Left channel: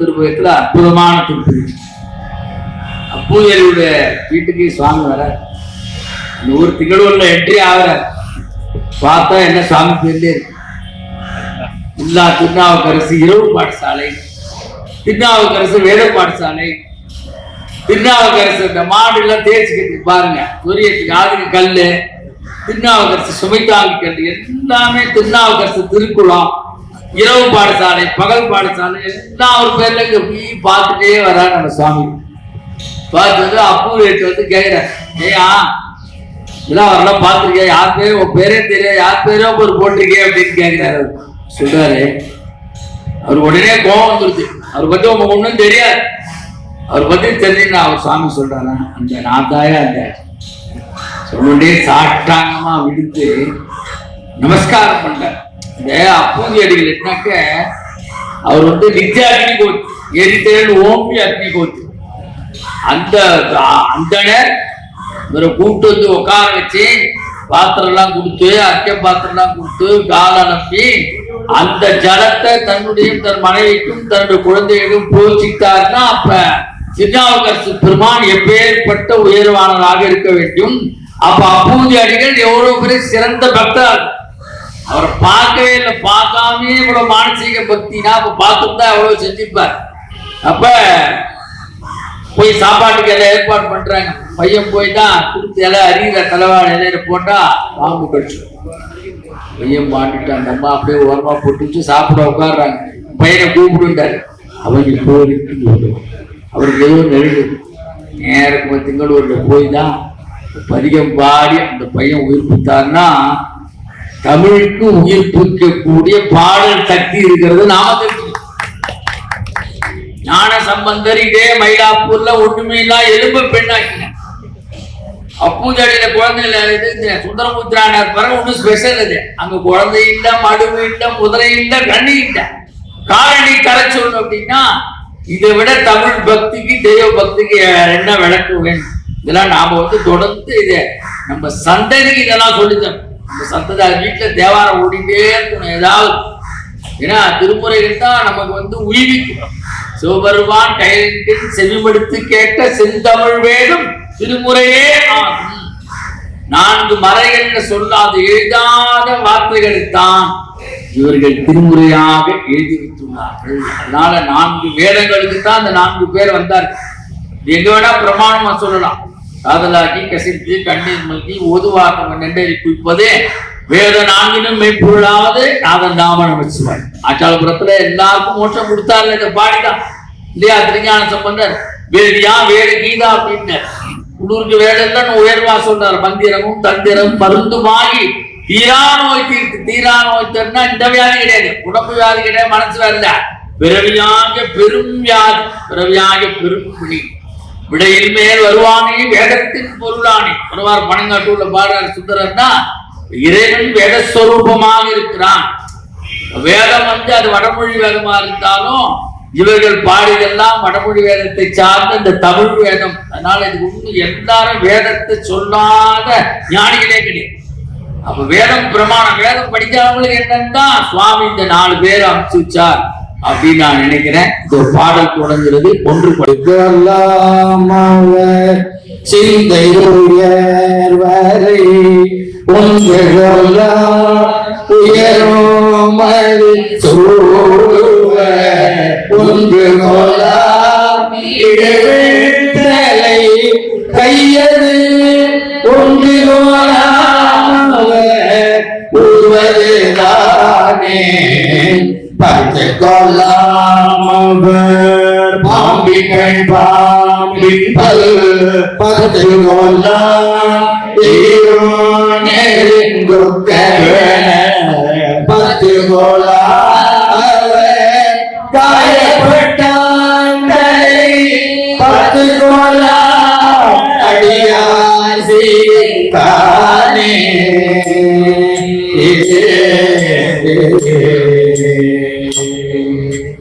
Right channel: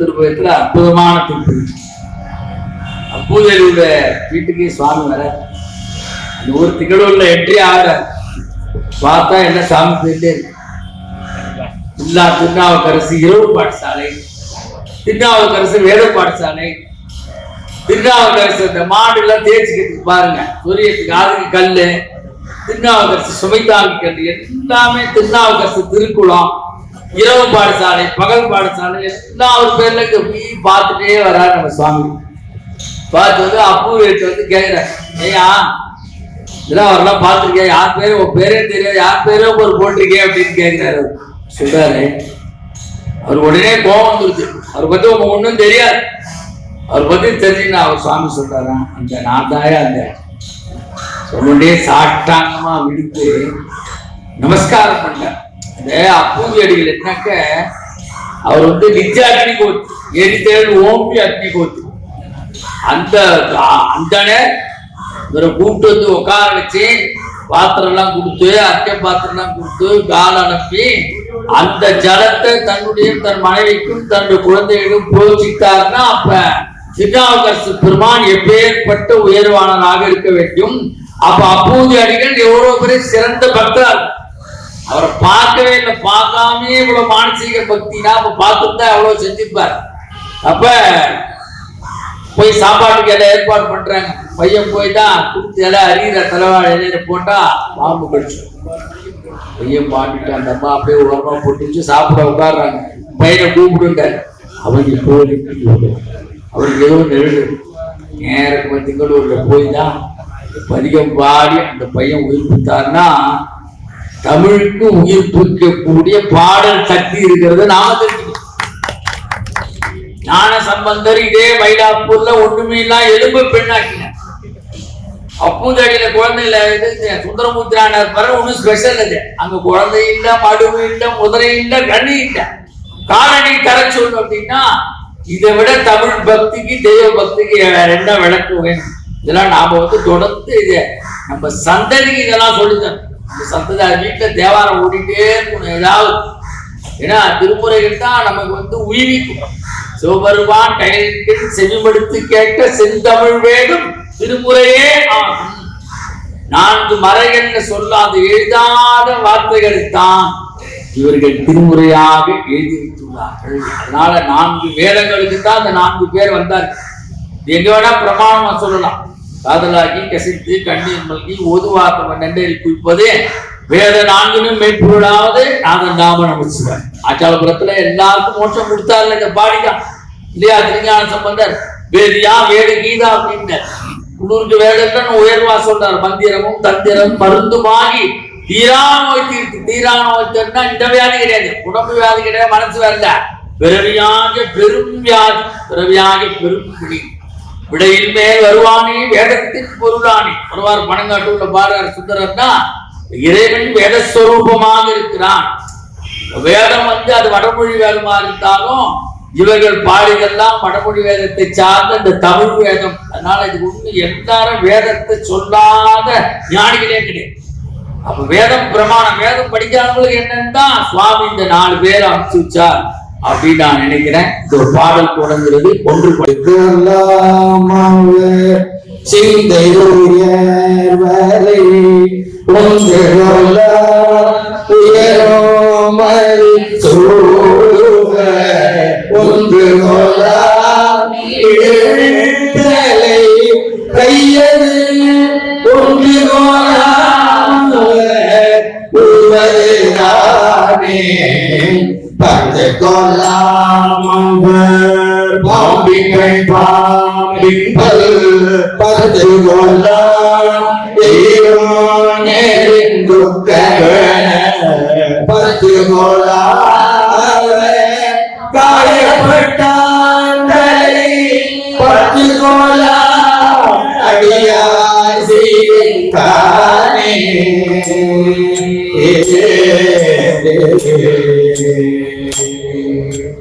திருப்பயத்துல அற்புதமான திருப்பதி. அப்பூதியடியோட வீட்டுக்கு சுவாமி வர அந்த ஊர் திகழூர்ல என்ட்ரி ஆகிற பார்த்தா என்ன சுவாமி பேர்ல இருக்கு. இல்லா திருநாவுக்கரசு இரவு பாடசாலை, திருநாவுக்கரசு வேத பாடசாலை, திருநாவுக்கரசு இந்த மாடு எல்லாம் தேய்ச்சிக்கிறதுக்கு பாருங்க, சூரியத்துக்கு ஆதுக்கு கல்லு, திருநாவுக்கரசு சுமைத்தாங்கி கல்லு, எல்லாமே திருநாவுக்கரசு திருக்குளம், இரவு பாடசாலை, பகல் பாடசாலை எல்லாம் ஒரு பேர்ல பார்த்துட்டே வர்றாரு நம்ம சுவாமி. பார்த்து வந்து அப்பூதிட்டு வந்து கேட்கிறேன், ஐயா இதெல்லாம் அவரெல்லாம் பார்த்துருக்கேன், யார் பேரும் உன் பேரே தெரியாது, யார் பேரும் ஒரு போட்டிருக்கேன் அப்படின்னு கேட்கிறாரு. சொல்றாரு, அவர் உடனே கோபம் வந்துருச்சு. அவரை பத்தி உங்க ஒண்ணும் தெரியாது, அவரை பத்தி தெரிஞ்சுன்னா அவர் சுவாமி சொல்றாரா, அந்த நாதாய அந்த சொல்லுண்டே சாட்டாங்கமா விடுத்து நமஸ்காரம் பண்றார். இந்த அப்பூதி அடிகள் என்னக்க அவர் வந்து நிஜ அக்னி கோத்து, எரித்தேழு ஓம்பி அக்னி கோத்து, அந்த இவரை கூப்பிட்டு வந்து உட்கார வச்சு பாத்திரம் எல்லாம் கொடுத்து, அக்கை பாத்திரம் எல்லாம் கொடுத்து கால அனுப்பி அந்த ஜலத்தை தன்னுடைய தன் மனைவிக்கும் தன்னுடைய குழந்தைகளுக்கும் புரோச்சித்தார்னா அப்ப திருநாவுக்கரசு பெருமான் எப்பேற்பட்ட உயர்வானதாக இருக்க வேண்டும். அப்ப அப்பூதி அடிகள் எவ்வளவு பெரிய சிறந்த பக்தர், அவரை பார்க்கவே இல்லை, பார்க்காமே இவ்வளவு மானசீக பக்தினா அப்ப பார்த்துட்டு எவ்வளவு செஞ்சிருப்பார். அப்ப போய் சாப்பாட்டுக்கு எல்லாம் ஏற்பாடு பண்றாங்க. பையன் போய் தான் கொடுத்து எல்லாம் அறிகிற தலைவாழ இலையில போட்டா பாம்பு கடிச்சு பையன் மாட்டிட்டான். அந்த அம்மா அப்படியே உரமா போட்டு வச்சு சாப்பிட உட்காடுறாங்க. பையனை கூப்பிட்டுட்டாரு. அவனுக்கு இப்போ அவருக்கு எதுவும் நெருடு நேரக்கு திங்களூர்ல போய் தான் பதிகம் பாடி அந்த பையன் உயிர்ப்பித்தார்னா தமிழுக்கு உயிர்ப்பிக்கக்கூடிய பாடல் சக்தி இருக்கிறது நாம தெரியும். ஞான சம்பந்தர் இதே மயிலாப்பூர்ல ஒண்ணுமே இல்ல எலும்பு பெண்ணாக்கின. அப்பூதடியில குழந்தைல சுந்தரமுத்திரானார் பிறகு ஒண்ணு ஸ்பெஷல் அது. அங்க குழந்தை இல்ல, மடுவு இல்ல, முதலை இல்ல, கண்ணி இல்ல, காரணி கரை சொல்லணும் அப்படின்னா இதை விட தமிழ் பக்திக்கு தெய்வ பக்திக்கு என்ன விளக்கு வேணும். இதெல்லாம் நாம வந்து தொடர்ந்து இதை நம்ம சந்ததிக்கு இதெல்லாம் சொல்லித்தரோம். நம்ம சந்ததி வீட்டுல தேவாரம் ஓடிட்டே இருக்கணும் ஏதாவது. ஏன்னா திருமுறைகள் தான் நமக்கு வந்து உயிரிக்கும். சிவபெருமான் கையில் செவிமடுத்து கேட்ட செந்தமிழ் வேதம் திருமுறையே ஆகும். 4 மறைகள் சொல்லாத எழுதாத வார்த்தைகள் தான் இவர்கள் திருமுறையாக எழுதி வைத்துள்ளார்கள். அதனால 4 வேதங்களுக்கு தான் அந்த 4 பேர் வந்தார்கள். எங்க வேணா பிரமாணமா சொல்லலாம். காதலாக்கி கசித்து கண்ணீர் மல்கி ஓதுவாக்கம் நெண்டேறி குளிப்பதே வேத 4 மெய்ப்பொருளாவது நாதன் நாம நமச்சிவாய். ஆச்சாரபுரத்துல எல்லாருக்கும் மோட்சம் கொடுத்தாரு இந்த பாடிதான் இல்லையா? திருஞான சம்பந்தர் வேதியா வேத கீதா அப்படின்னு உள்ளூருக்கு வேதம் தான் உயர்வா சொல்றாரு. மந்திரமும் தந்திரம் மருந்துமாகி தீரா நோய் தீர்த்து. தீரா நோய் தீர்னா இந்த வியாதி கிடையாது, உடம்பு வியாதி கிடையாது, மனசு வரல, பிறவியாக பெரும் வியாதி, பிறவியாக பெரும் பிடி, விடையில் மேல் வருவானே வேதத்தின் பொருளானே. ஒருவார் பணங்காட்டுள்ள பாடுறார் சுந்தரர்னா இறைவன் வேதஸ்வரூபமாக இருக்கிறான். வேதம் வந்து அது வடமொழி வேதமா இருந்தாலும் இவர்கள் பாடியெல்லாம் வடமொழி வேதத்தை சார்ந்த இந்த தமிழ் வேதம். அதனால இது ஒண்ணு எல்லாரும் வேதத்தை சொல்லாத ஞானிகளே கிடையாது. அப்ப வேதம் பிரமாணம். வேதம் படிக்காதவங்களுக்கு என்னன்னா சுவாமி இந்த 4 பேரை அனுப்பிச்சு வச்சார் அப்படின்னு நான் நினைக்கிறேன். இந்த ஒரு பாடல் தொடங்குகிறது. ஒன்று சிந்தையுயர்வரை ஒன்று உயரும் ஒன்று கையது ஒன்று உருவதுதானே பத்து கொள்ளாமவர் பாம்பிகள் பாம்பிப்பல் பத்து கொள்ளாம் பத்து கொள்ளா காயப்பட்டான் பத்து கொள்ளா